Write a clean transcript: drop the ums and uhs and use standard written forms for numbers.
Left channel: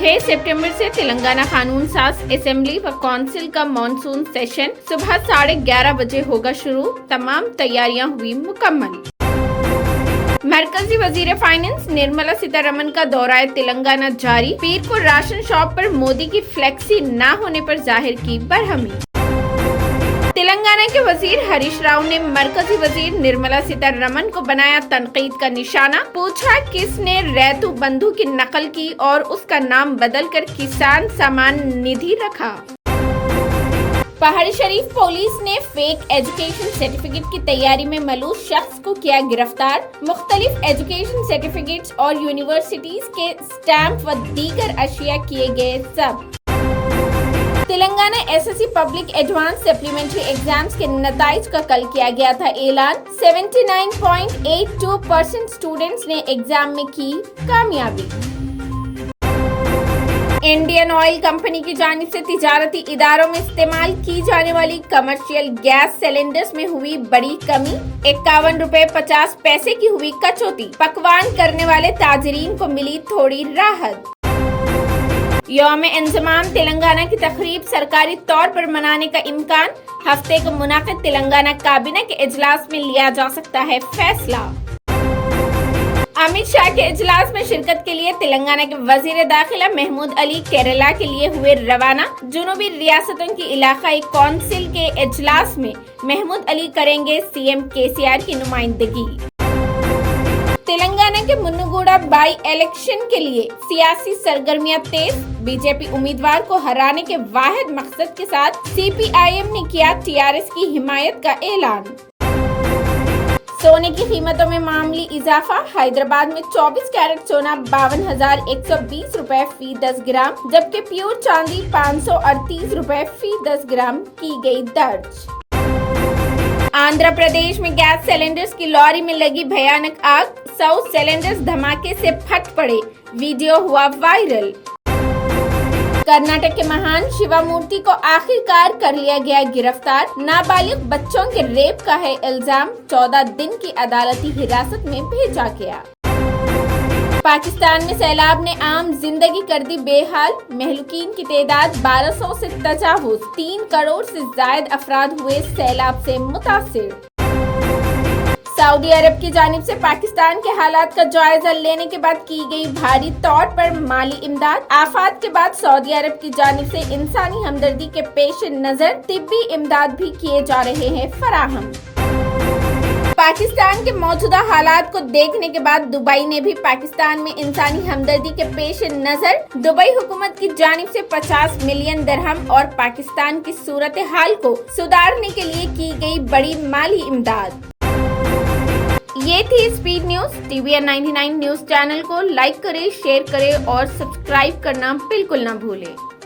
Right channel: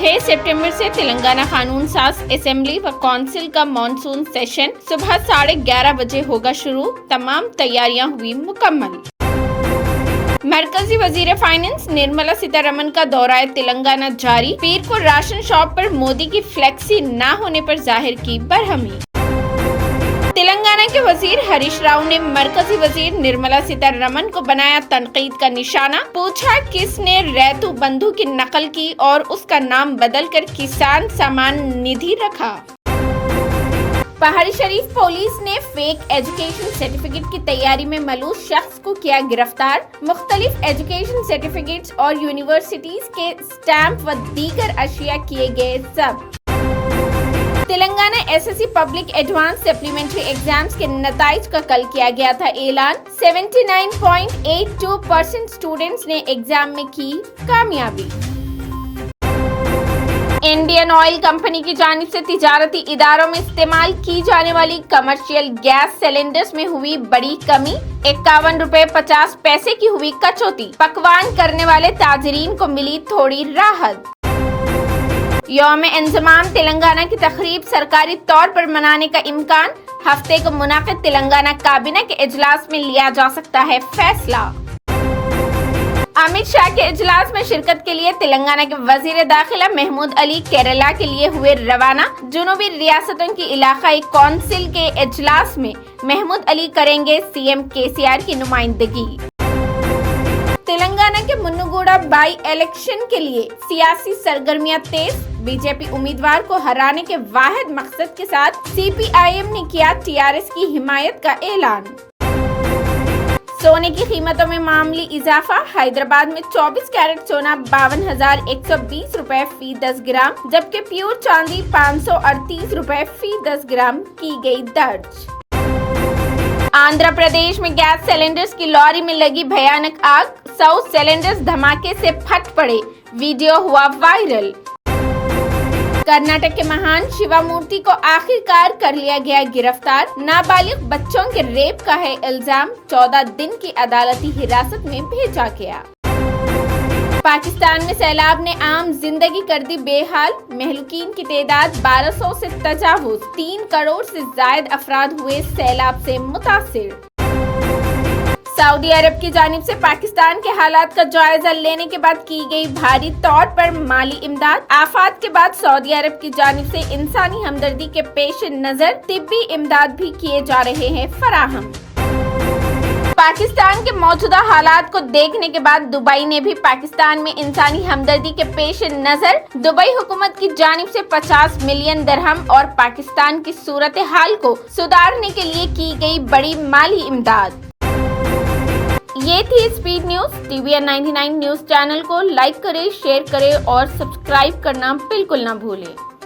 6 सितंबर से तेलंगाना कानून साज असेंबली व काउंसिल का मॉनसून सेशन सुबह 11:30 बजे होगा शुरू। तमाम तैयारियां हुई मुकम्मल। मरकजी वजीर फाइनेंस निर्मला सीतारमण का दौरा तेलंगाना जारी। पीर को राशन शॉप पर मोदी की फ्लेक्सी न होने पर जाहिर की बरहमी। तेलंगाना के वजीर हरीश राव ने मरकजी वजीर निर्मला सीतारमण को बनाया तनकीद का निशाना। पूछा किसने रैतु बंधु की नकल की और उसका नाम बदलकर किसान सम्मान निधि रखा। पहाड़ी शरीफ पुलिस ने फेक एजुकेशन सर्टिफिकेट की तैयारी में मलूस शख्स को किया गिरफ्तार। मुख्तलिफ एजुकेशन सर्टिफिकेट्स और यूनिवर्सिटीज के स्टैंप व दीगर अशिया किए गए जब्त। Telangana SSC public advance supplementary exams के नताइज का कल किया गया था ऐलान। 79.82% स्टूडेंट्स ने एग्जाम में की कामयाबी। इंडियन ऑयल कंपनी की जानिब से तिजारती इदारों में इस्तेमाल की जाने वाली कमर्शियल गैस सिलेंडर्स में हुई बड़ी कमी। 51 रुपए 50 पैसे की हुई कटौती। पकवान करने वाले ताजरीन को मिली थोड़ी राहत। यौम-ए-इंज़माम तेलंगाना की तकरीब सरकारी तौर पर मनाने का इम्कान। हफ्ते को मुनाकिद तेलंगाना काबीना के इजलास में लिया जा सकता है फैसला। अमित शाह के इजलास में शिरकत के लिए तेलंगाना के वजीर दाखिला महमूद अली केरला के लिए हुए रवाना। जुनूबी रियासतों की इलाकाई कौंसिल के इजलास में महमूद अली करेंगे सीएम केसीआर की नुमाइंदगी। तेलंगाना के मुन्नुगुड़ा बाई इलेक्शन के लिए सियासी सरगर्मियां तेज। बीजेपी उम्मीदवार को हराने के वाहिद मकसद के साथ सीपीआईएम ने किया टीआरएस की हिमायत का ऐलान। सोने की कीमतों में मामूली इजाफा। हैदराबाद में 24 कैरेट सोना 52,120 रुपए फी 10 ग्राम, जबकि प्योर चांदी 538 रुपए फी 10 ग्राम की गई दर्ज। आंध्र प्रदेश में गैस सिलेंडर्स की लॉरी में लगी भयानक आग। 100 सिलेंडर्स धमाके से फट पड़े, वीडियो हुआ वायरल। कर्नाटक के महान शिवामूर्ति को आखिरकार कर लिया गया गिरफ्तार। नाबालिग बच्चों के रेप का है इल्जाम। 14 दिन की अदालती हिरासत में भेजा गया। पाकिस्तान में सैलाब ने आम जिंदगी कर दी बेहाल। महलूकीन की तादाद 1200 से तजावुज। 3 करोड़ से जायद अफराद हुए सैलाब से मुतासिर। सऊदी अरब की जानिब से पाकिस्तान के हालात का जायजा लेने के बाद की गई भारी तौर पर माली इमदाद। आफात के बाद सऊदी अरब की जानिब से इंसानी हमदर्दी के पेश नजर तिब्बी इमदाद भी किए जा रहे हैं फराहम। पाकिस्तान के मौजूदा हालात को देखने के बाद दुबई ने भी पाकिस्तान में इंसानी हमदर्दी के पेश नजर दुबई हुकूमत की जानिब से 50 मिलियन दिरहम और पाकिस्तान की सूरत हाल को सुधारने के लिए की गई बड़ी माली इमदाद। ये थी speed news. TVN 99 news channel को लाइक करें, शेयर करें और सब्सक्राइब करना बिल्कुल ना भूलें।